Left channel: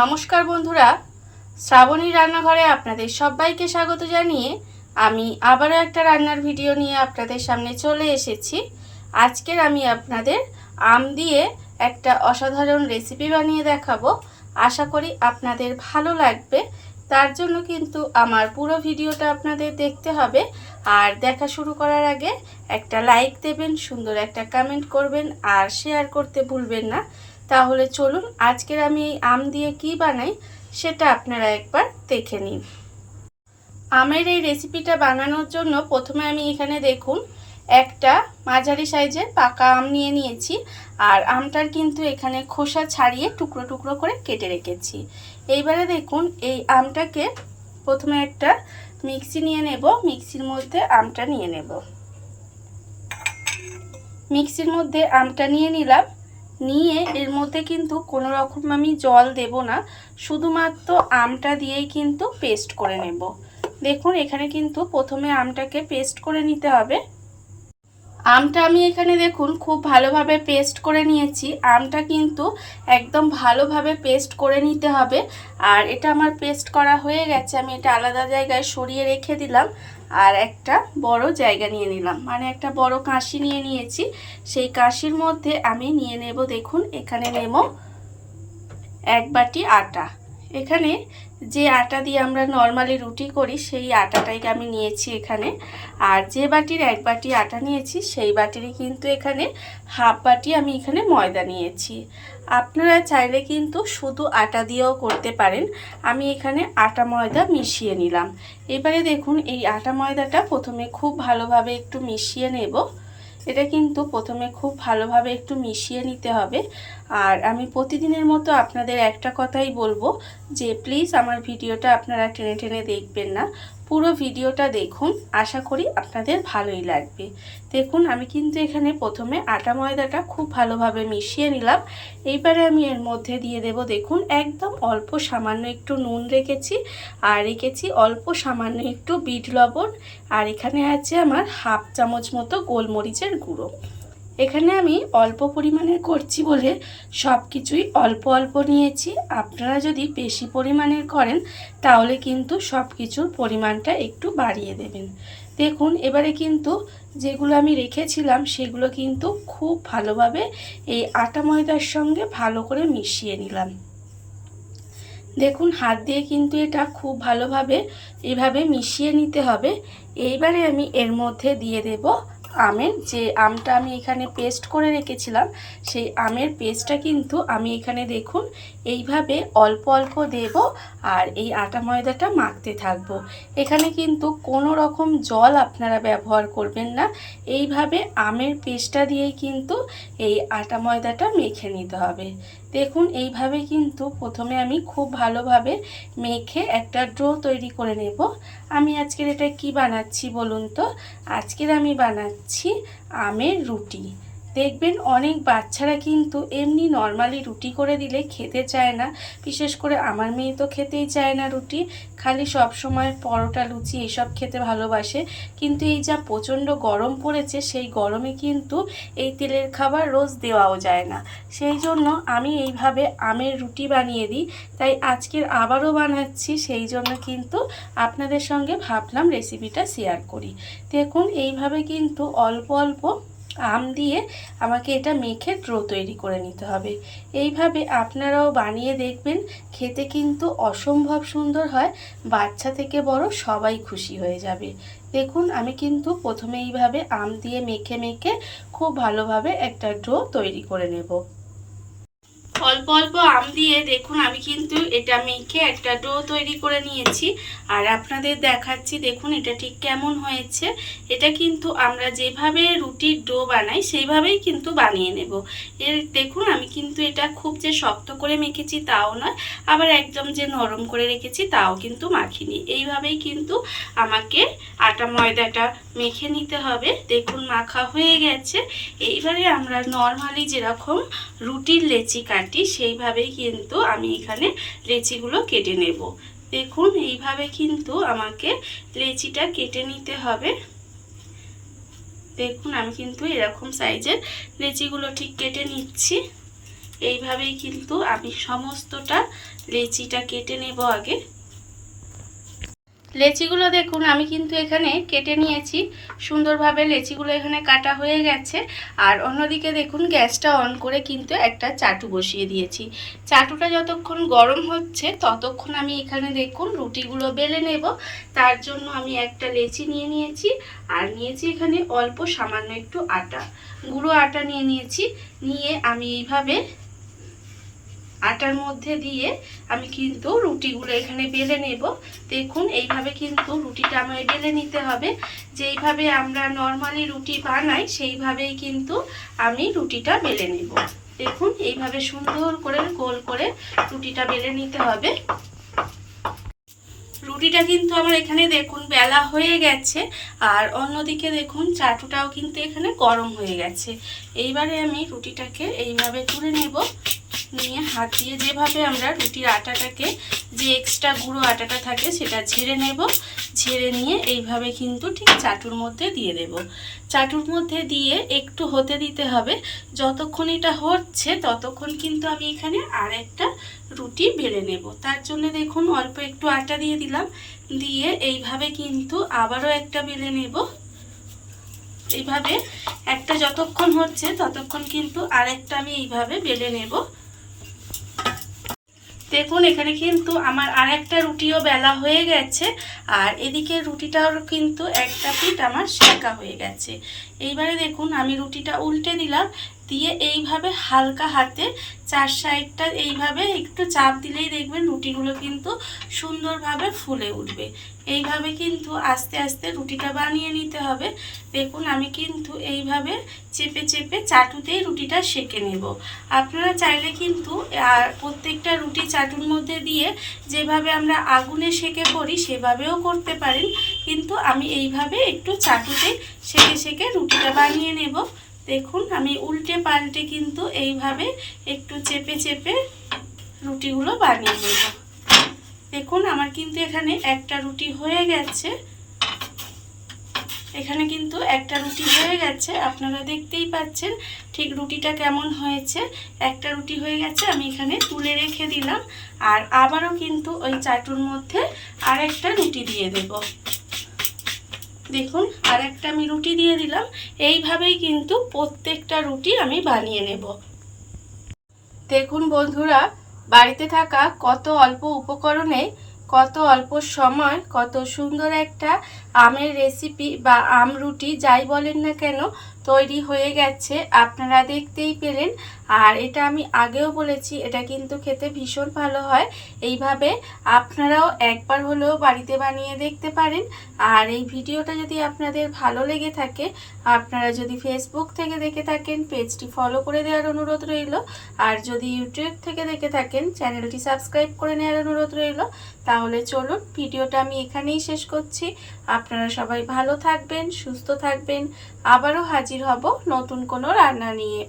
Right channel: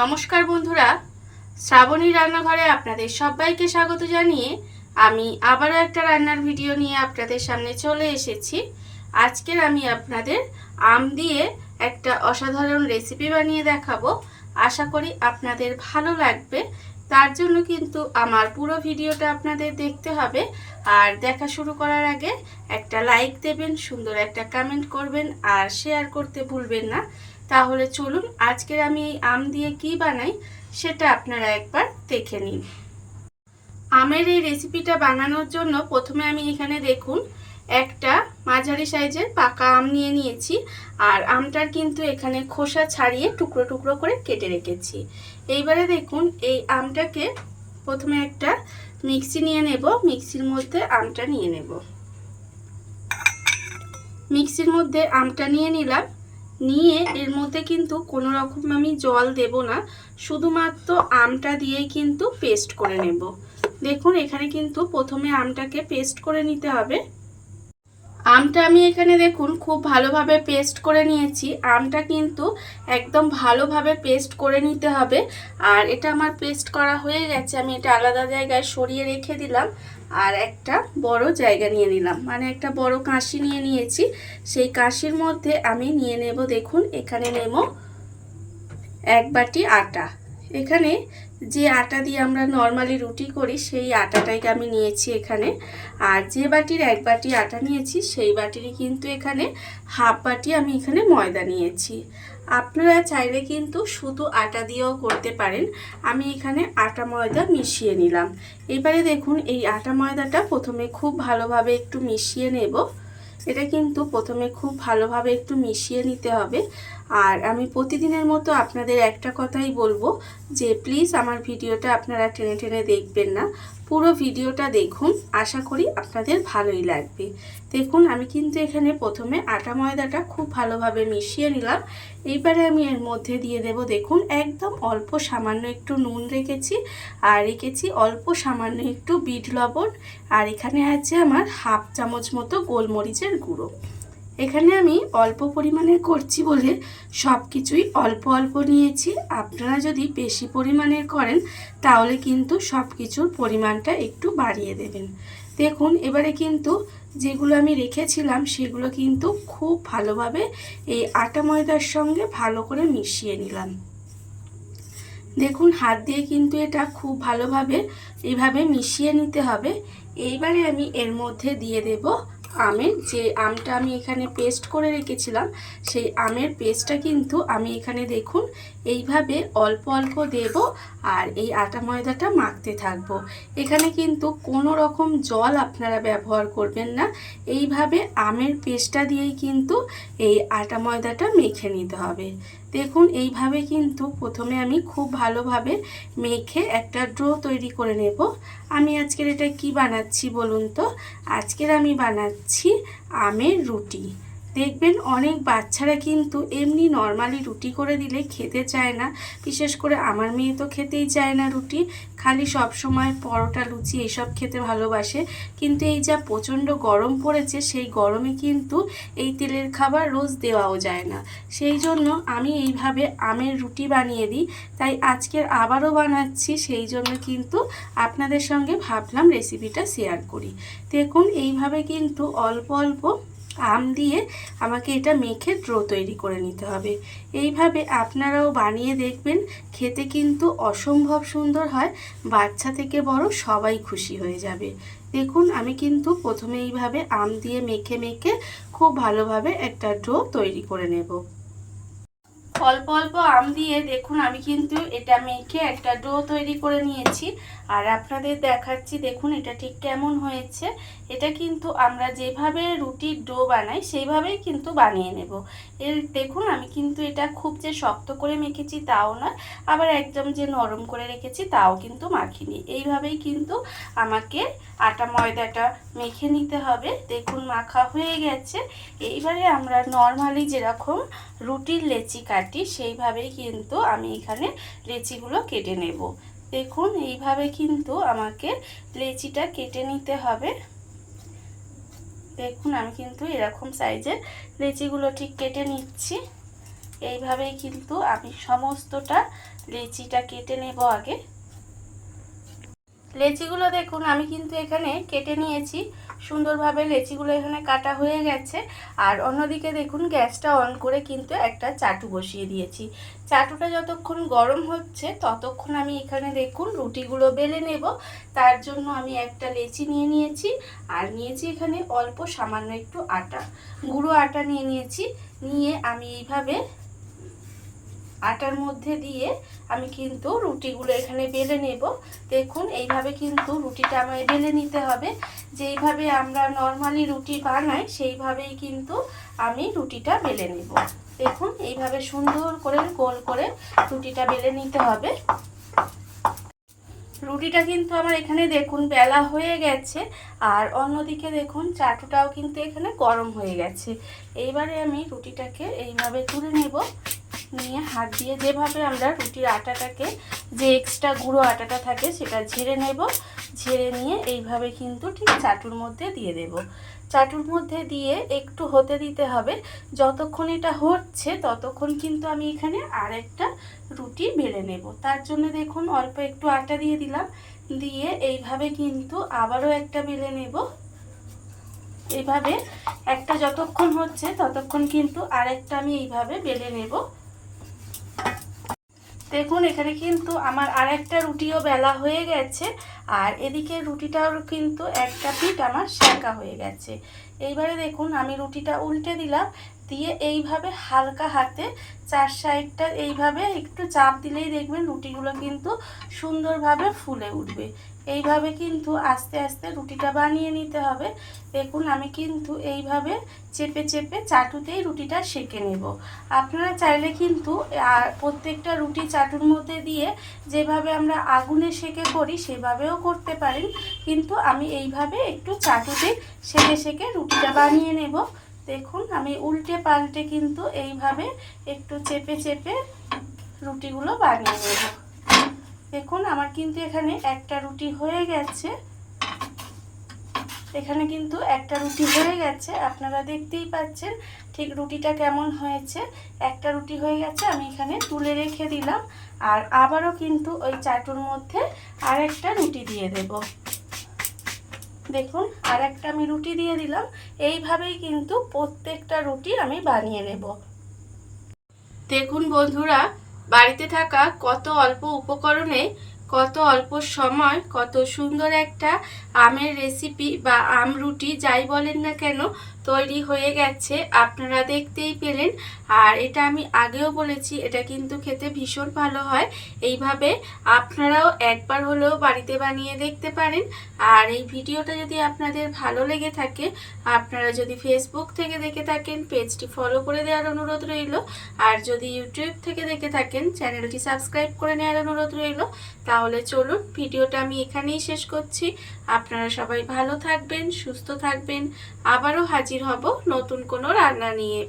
নমস্কার বন্ধুরা, শ্রাবণী রান্নাঘরে আপনাদের সবাইকে স্বাগত জানিয়ে আমি আবারও একটা রান্নার ভিডিও নিয়ে আপনাদের সামনে চলে এসেছি। আজকের আমি আপনাদের আম দিয়ে একটা অসাধারণ রেসিপি বানিয়ে দেখাবো। আশা করি আপনাদের ভালো লাগবে। তার জন্য কিন্তু আমার পুরো ভিডিওটা আপনাদের দেখতে হবে। আর দেখা শুরু করার আগে একটা লাইক দেবেন, সুন্দর একটা কমেন্ট করবেন আর শেয়ার করতে ভুলবেন না। তাহলে চলুন আজকের আমি এই আম দিয়ে কি বানাই সেটা আপনারা একবার দেখে নিন। আমের এই রেসিপিটা বানানোর জন্য প্রথমে আমি এখানে দেখুন একটা মাঝারি সাইজের পাকা আম নিয়ে নিয়েছি। আর আমটার কিন্তু এখানে খোসা ছাড়িয়ে টুকরো টুকরো করে কেটে রেখেছি। এইবারে দেখুন এই আমটাকে প্রথমে একটা মিক্সি নিয়ে নেব। মিক্সির মধ্যে আমটা নিয়ে নেব। মিক্সির মধ্যে আমটা নিয়ে নিলাম। নিয়ে এর মধ্যে কিন্তু কোনো রকম আমি জল দেব না, শুধুমাত্র আমটা দিয়েই কিন্তু পেস্ট করে নেব। দেখুন এখানে কিন্তু প্রথমে আমটাকে পেস্ট করে নিতে হবে। আমটা আমি এখানে দেখুন খুব ভালোভাবে পেস্ট করে নিয়েছি। আমটা কিন্তু একদম ভালোভাবে পেস্ট করে নিতে হবে। আর এটা আমার পেস্ট করা হয়ে গেছে, আমি এটা আলাদা জায়গায় সরিয়ে রেখে দিলাম। আর একটা বড় জায়গা নিয়ে নিলাম, মানে একটা বড় কাঁশি নিয়ে নিয়েছি। সেই কাঁশির মধ্যে আমি নিয়ে নেব, দেখুন এখানে নেব 1 বাটি আটা। এখানে যে আটা দিয়ে আমরা নর্মালি রুটি করি সেই আটাটাকে আমি নিয়েছি এখানে। আর যে বাটির 1 বাটি আটা নিয়েছি সেই বাটিরই কিন্তু এখানে হাফ বাটি আমি এখানে ময়দা নিয়েছি। আপনারা চাইলে কিন্তু শুধু আটা দিয়েও করতে পারেন। আমি এখানে আটা ময়দা মিশিয়ে নিলাম। এবারে দেখুন এই আটা ময়দাটা প্রথমে খুব ভালোভাবে একটু মিশিয়ে নেব। এটা কিন্তু প্রথমে খুব ভালোভাবে একটু মিশিয়ে নিতে হবে। আর আমি প্রতিদিনের মতো আপনাদের একটা কথাই বলবো যে প্লিজ আমার ভিডিওটা আপনারা টেনে টেনে দেখবেন না, পুরো ভিডিওটা দেখুন। আশা করি আপনাদের ভালোই লাগবে। দেখুন আমি কিন্তু এখানে প্রথমে আটা ময়দাটা খুব ভালোভাবে মিশিয়ে নিলাম। এইবারে আমি এর মধ্যে দিয়ে দেব, দেখুন একদম অল্প সামান্য একটু নুন রেখেছি। আর রেখেছি অল্প সামান্য একটু বিট লবণ। আর এখানে আছে আমার হাফ চামচ মতো গোলমরিচের গুঁড়ো। এখানে আমি অল্প পরিমাণের করছি বলে সব কিছুই অল্প অল্প নিয়েছি। আপনারা যদি বেশি পরিমাণের করেন তাহলে কিন্তু সব কিছুর পরিমাণটা একটু বাড়িয়ে দেবেন। দেখুন এবারে কিন্তু যেগুলো আমি রেখেছিলাম সেগুলো কিন্তু খুব ভালোভাবে এই আটা ময়দার সঙ্গে ভালো করে মিশিয়ে নিলাম। দেখুন হাত দিয়ে কিন্তু এটা খুব ভালোভাবে এইভাবে মিশিয়ে নিতে হবে। এইবারে আমি এর মধ্যে দিয়ে দেব আমের যে আমটা আমি এখানে পেস্ট করে রেখেছিলাম সেই আমের পেস্টটা কিন্তু আমি এখানে দেখুন এইভাবে অল্প অল্প দেব। আর এই আটা ময়দাটা মাখতে থাকবো। এখানে কিন্তু কোনো রকম জল আপনারা ব্যবহার করবেন না। এইভাবে আমের পেস্টটা দিয়েই কিন্তু এই আটা ময়দাটা মেখে নিতে হবে। দেখুন এইভাবে কিন্তু প্রথমে আমি খুব ভালোভাবে মেখে একটা ডো তৈরি করে নেব। আমি আজকের এটা কি বানাচ্ছি বলুন তো? আজকের আমি বানাচ্ছি আমের রুটি। দেখবেন অনেক বাচ্চারা কিন্তু এমনি নর্মালি রুটি করে দিলে খেতে চায় না। বিশেষ করে আমার মেয়ে তো খেতেই চায় না রুটি, খালি সব সময় পরোটা লুচি এসব খেতে ভালোবাসে। কিন্তু এই যা প্রচণ্ড গরম পড়েছে সেই গরমে কিন্তু এই তেলের খাবার রোজ দেওয়াও যায় না। সেই জন্য আমি এইভাবে আমের রুটি বানিয়ে দিই। তাই আজকের আবারও বানাচ্ছি, সেই জন্য কিন্তু আপনাদের সঙ্গে ভাবলাম রেসিপিটা শেয়ার করি। দেখুন এইভাবে কিন্তু অল্প অল্প আম দিয়ে আমাকে এটা মেখে ডো তৈরি করে নিতে হবে। এইভাবে আপনারাও বানিয়ে দেখবেন, খেতে কিন্তু অসম্ভব সুন্দর হয়। বাচ্চা থেকে বড় সবাই খুশি হয়ে যাবে। দেখুন আমি কিন্তু প্রথমে এইভাবে আম দিয়ে মেখে মেখে খুব ভালোভাবে একটা ডো তৈরি করে নেব। অল্প অল্প আম দিয়ে দেখুন আমি কিন্তু এটা মেখে একটা ডো তৈরি করে নিয়েছি। আর আপনাদের দেখাচ্ছি, দেখুন এটা ঠিক কেমন হয়েছে। এটা কিন্তু আমরা যেভাবে রুটির ডো বানাই সেইভাবেই কিন্তু বানিয়ে নেব। দেখুন আমি কিন্তু এটা খুব যে শক্ত করে মেখেছি তাও নয়, আবার একদম যে নরম করে রেখেছি তাও কিন্তু মাখিনি। এইভাবেই কিন্তু আমাকে আটা ময়দাটা মেখে নিতে হবে। দেখুন মাখা হয়ে গেছে। এইবারে আমরা নর্মালি যেরকম রুটির লেচি কাটি সেইভাবেই কিন্তু আমি এখানে লেচিগুলো কেটে নেব। দেখুন এইভাবে কিন্তু আমাকে লেচিটা কেটে নিতে হবে। দেখুন আমি কিন্তু এরকম সাইজের লেচিগুলো ঠিক কেটে নিচ্ছি। এইভাবেই কিন্তু আমি সমস্তটা লেচিটা কেটে নেব আগে। লেচিগুলো দেখুন আমি কিন্তু এখানে কেটে নিয়েছি, সুন্দরভাবে লেচিগুলো এখানে কাটা হয়ে গেছে। আর অন্যদিকে দেখুন গ্যাসটা অন করে কিন্তু একটা চাটু বসিয়ে দিয়েছি। চাটুটা যতক্ষণ গরম হচ্ছে ততক্ষণ আমি এখানে দেখুন রুটিগুলো বেলে নেব। তার জন্য আমি একটা লেচি নিয়ে নিয়েছি, আর নিয়েছি এখানে অল্প সামান্য একটু আটা, গুঁড়ো আটা নিয়ে নিয়েছি। নিয়ে আমি এইভাবে আটার মধ্যে দিয়ে আমি কিন্তু রুটিগুলো এখানে বেলে নেব। দেখুন এইভাবে কিন্তু রুটিটা আমায় বেলে নিতে হবে। যেইভাবে আমরা নর্মালি রুটি বানাই সেইভাবেই কিন্তু আমি রুটিটা বেলে নেব। দেখুন এইভাবে সুন্দর করে গোল করে রুটিটা বেলে নিতে হবে। রুটিটা কিন্তু আমার এখানে দেখুন বেলা হয়ে গেছে, আর অন্যদিকে দেখুন চাটুটাও কিন্তু এখানে গরম হয়ে গেছে। এইবারে আমি রুটিটাকে এইভাবে তুলে নেব। নিয়ে হাত দিয়ে যেভাবে আমরা রুটির আটাটাকে, যে এক্সট্রা গুঁড়ো আটাটা থাকে সেটা ঝেড়ে নেব। ঝেড়ে নিয়ে এইভাবে কিন্তু ঠিক চাটুর মধ্যে দিয়ে দেব। চাটুর মধ্যে দিয়ে একটু হতে দিতে হবে। যতক্ষণ এটা হচ্ছে ততক্ষণ কিন্তু আমি এখানে আরেকটা রুটি বেলে নেব। তার জন্য দেখুন অল্প একটু আটা দিয়ে দিলাম, দিয়ে এইভাবে কিন্তু আবারও একটা বেলে নেব। এইভাবে একটা যতক্ষণ হচ্ছে ততক্ষণ কিন্তু আরেকটা আমি এইভাবে বেলে নেব। দেখুন এখানে কিন্তু আমার আরেকটা রুটিও বেলা হয়ে গেছে, আর এদিকে রুটিটাও কিন্তু একটা পিঠ আমার সেঁকা হয়ে গেছে। এইবারে দেখুন আমি রুটিটা উল্টে দিলাম, দিয়ে এইভাবে হালকা হাতে চার সাইডটা এইভাবে একটু চাপ দিলেই দেখবেন রুটিগুলো কিন্তু সুন্দরভাবে ফুলে উঠবে। এইভাবে কিন্তু আস্তে আস্তে রুটিটা বানিয়ে নিতে হবে। দেখুন আমি কিন্তু এইভাবে চেপে চেপে চাটুতেই রুটিটা সেঁকে নেব। আপনারা চাইলে কিন্তু প্রত্যেকটা রুটি চাটুর মধ্যে দিয়ে যেভাবে আমরা আগুনে সেঁকে করি সেভাবেও করতে পারেন, কিন্তু আমি এইভাবে একটু চাটুতেই সেঁকে সেঁকে রুটিটা বানিয়ে নেব। দেখুন আমি উল্টে পাল্টে কিন্তু এইভাবে একটু চেপে চেপে রুটিগুলো বানিয়ে নেব। দেখুন আমার কিন্তু এখানে একটা রুটি হয়ে গেছে। এখানে কিন্তু একটা রুটি হয়ে গেছে, আপনারা দেখতেই পাচ্ছেন ঠিক রুটিটা কেমন হয়েছে। একটা রুটি হয়ে গেছে, আমি এখানে তুলে রেখে দিলাম। আর আবারও কিন্তু ওই চাটুর মধ্যে আরেকটা রুটি দিয়ে দেব। দেখুন আরেকটা আমি রুটি দিয়ে দিলাম। এইভাবেই কিন্তু প্রত্যেকটা রুটি আমি বানিয়ে নেব। দেখুন বন্ধুরা, বাড়িতে থাকা কত অল্প উপকরণে কত অল্প সময় কত সুন্দর একটা আমের রেসিপি বা আম রুটি যাই বলেন না কেন তৈরি হয়ে গেছে, আপনারা দেখতেই পেলেন। আর এটা আমি আগেও বলেছি, এটা কিন্তু খেতে ভীষণ ভালো হয়। এইভাবে আপনারাও একবার হলেও বাড়িতে বানিয়ে দেখতে পারেন। আর এই ভিডিওটা যদি আপনাদের ভালো লেগে থাকে, আপনারা যদি ফেসবুক থেকে দেখে থাকেন পেজটি ফলো করে দেওয়ার অনুরোধ রইল। আর যদি ইউটিউব থেকে দেখে থাকেন চ্যানেলটি সাবস্ক্রাইব করে নেওয়ার অনুরোধ রইল। তাহলে চলুন ভিডিওটা আমি এখানেই শেষ করছি। আপনারা সবাই ভালো থাকবেন, সুস্থ থাকবেন। আবারও হাজির হব নতুন কোনো রান্না নিয়ে।